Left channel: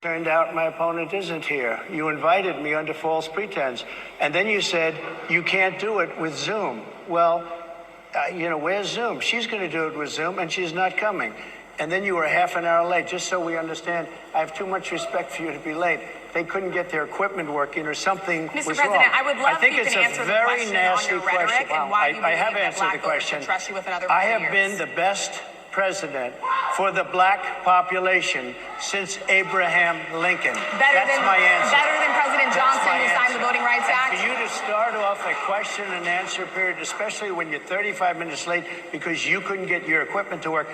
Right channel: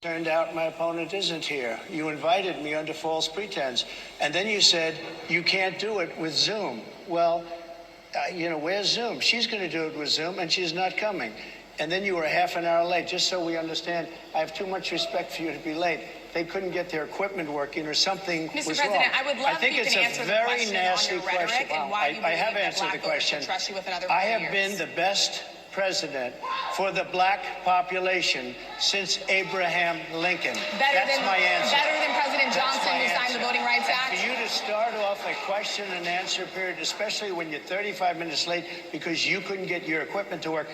Turned out my opponent isn't here. You invited me under false pretense. And then you said, you can't do it with Zoom. Well, where's Zoom? She's going to do it with Zoom, and she's not coming. And then you were half an hour late, just so we understand. I have too much respect for you to be late. They couldn't get their equipment working or something was wrong. Mr. President, I would love I think if you it's can a answer the very question nasty on your rhetoric question. and why you I have believe that answered black the voters question. should trust you with another 4 I years. have been the best president for the black population since Abraham Lincoln. That's my answer. Better than President Johnson, who signed the Voting Rights Act? And for you to start off a question and answer period, especially when you're 35 minutes late because you couldn't get your equipment to work,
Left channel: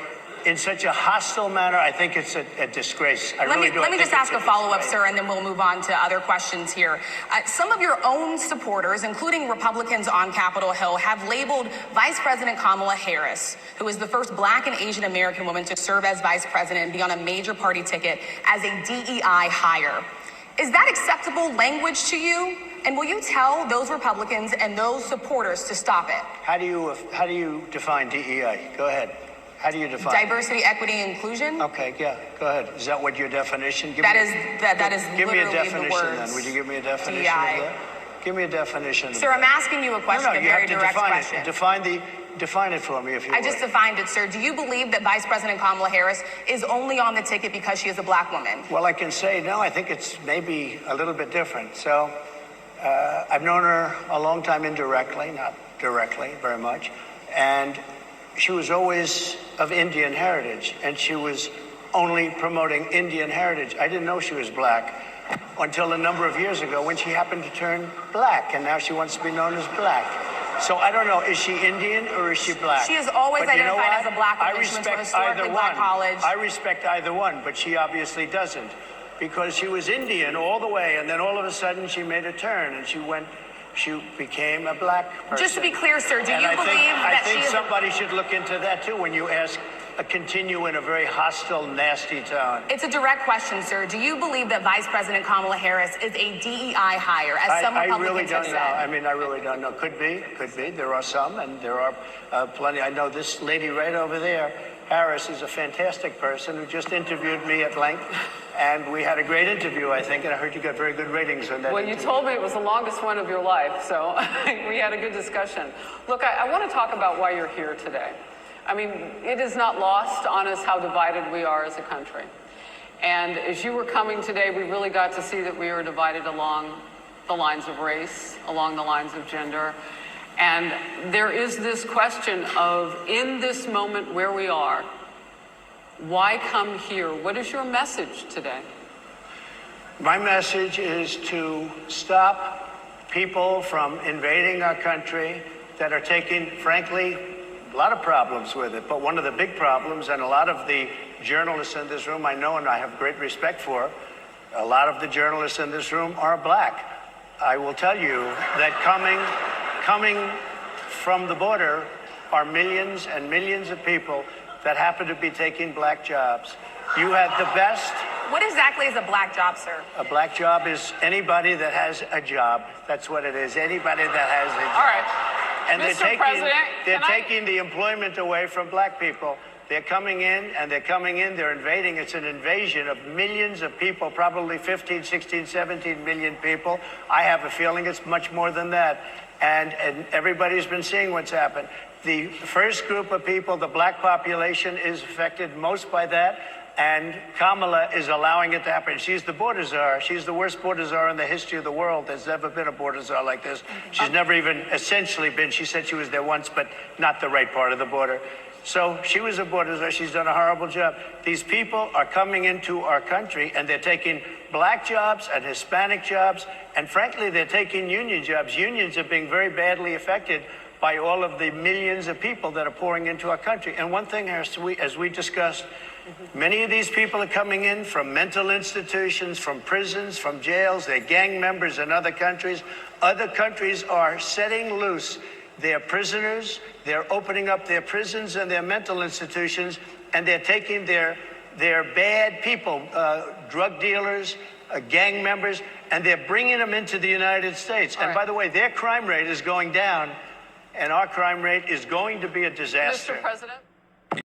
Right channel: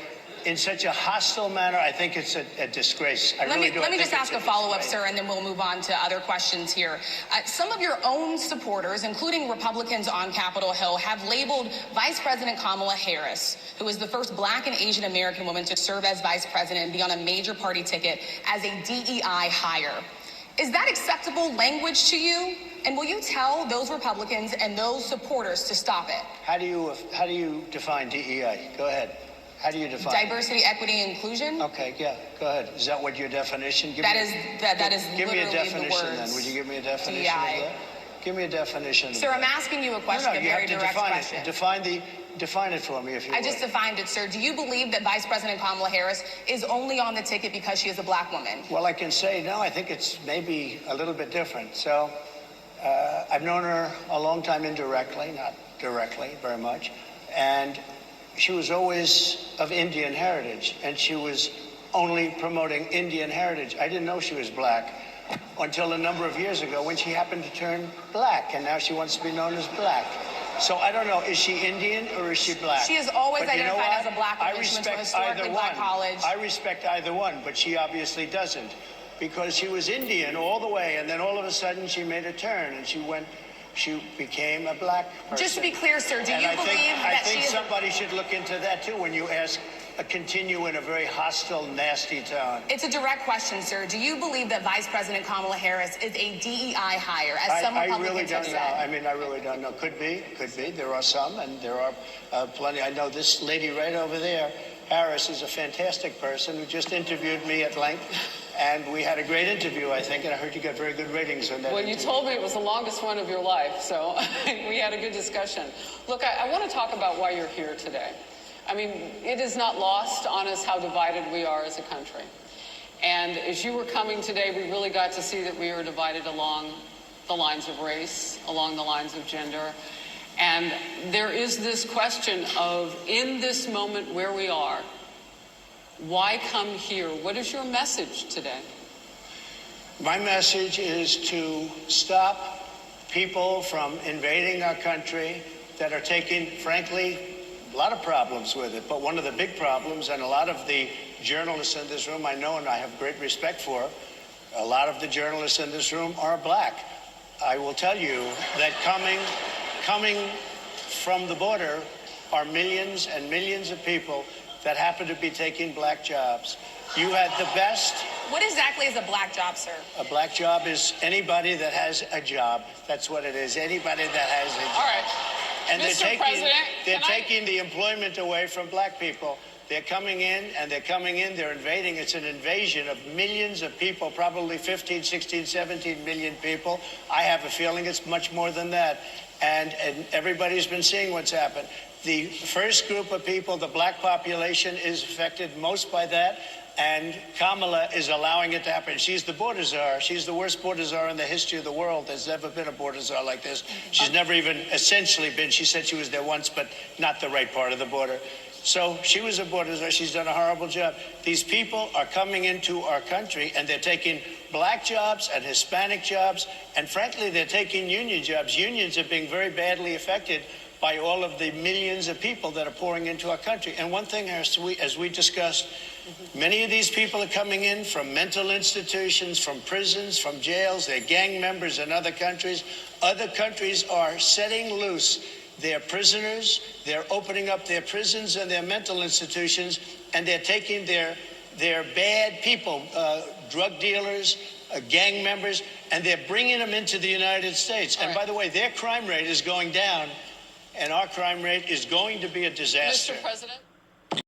in such a hostile manner, I think it's a disgrace. Let me just ask a follow-up, sir, and then we'll move on to other questions here. Some of your own supporters, including Republicans on Capitol Hill, have labeled Vice President Kamala Harris, who is the first black and Asian American woman to serve as vice president and be on a major party ticket, as a DEI hire. Is that acceptable language to you? And will you tell those Republicans and those supporters to stop it? How do you define DEI? Go ahead. How do you define diversity, equity, and inclusion? Okay, yeah, go ahead. Is that what your definition? That is give me a literally definition the words. then. Would you give me a definition DEI. of that? Give me a definition. Sir, I'm asking you a question, a very direct question. Define it for me, if you would. I just defined it, sir. Do you believe that Vice President Kamala Harris is only on the ticket because she is a black woman? Well, I can say no. I think it's maybe a little bit different. So I've known her a long time indirectly, not directly very much, and she was always of Indian heritage, and she was only promoting Indian heritage. I didn't know she was black until a number of years ago when she happened to turn black, and now she wants to be known as black. So I don't know, is she Indian or is she black? She is always identified as a black woman. I respect either one. I respect either one, but she obviously doesn't, because she was Indian all the way, and then all of a sudden she made a turn, and she became a black person. Just to be clear, sir, do you believe that I think somebody should look into that, too, when you continue in a very hostile, nasty tone. It's a direct question, sir. Do you believe that Vice President Kamala Harris is a DEI hire, as some Republicans I really don't have know. said? I mean, I really don't know. Could be. There are some, and there are plenty. I know this lady right over there, Harris, is a fantastic person who just interviewed me at length. And we had a great interview, I think, and I heard you got very good ratings on that. Well, you told me it was the longest one of your life, so we had a good discussion. Look, I want to talk about why you're here today. I mean, it is not lost on us how divided we are as a country. And as you were coming today, we really got to see that we were divided along the lines of race, along the lines of gender. And there is this question of, in this moment where we are, why come here? What is your message today? My message is to stop people from invading our country that are taking, frankly, a lot of problems with it. But one of the big problems, and a lot of the journalists in this room I know and I have great respect for, a lot of the journalists in this room are black. I will tell you that coming from the border are millions and millions of people that happen to be taking black jobs. You had the best. What exactly is a black job, sir? A black job is anybody that has a job. That's what it is. Anybody that has a job. All right. And Mr. they're taking the employment away from black people. They're coming in, they're invading. It's an invasion of millions of people, probably 15, 16, 17 million people. I have a feeling it's much more than that. And everybody's been seeing what's happened. The first group of people, the black population, is affected most by that, and Kamala is allowing it to happen. She's the border czar. She's the worst border czar in the history of the world. There's never been a border czar like this. She's never even essentially been. She said she was there once, but not the right part of the border. So she was a border czar. She's done a horrible job. These people are coming into our country, and they're taking black jobs and Hispanic jobs, and frankly, they're taking union jobs. Unions are being very badly affected by all of the millions of people that are pouring into our country. And one thing, as we discussed, many of these people are coming in from mental institutions, from prisons, from jails. They're gang members in other countries. Other countries are setting loose their prisoners. They're opening up their prisons and their mental institutions, and they're taking their bad people, drug dealers, gang members, and they're bringing them into the United States. And by the way, their crime rate is going down, and our crime rate is going to be a disaster. Mr. President.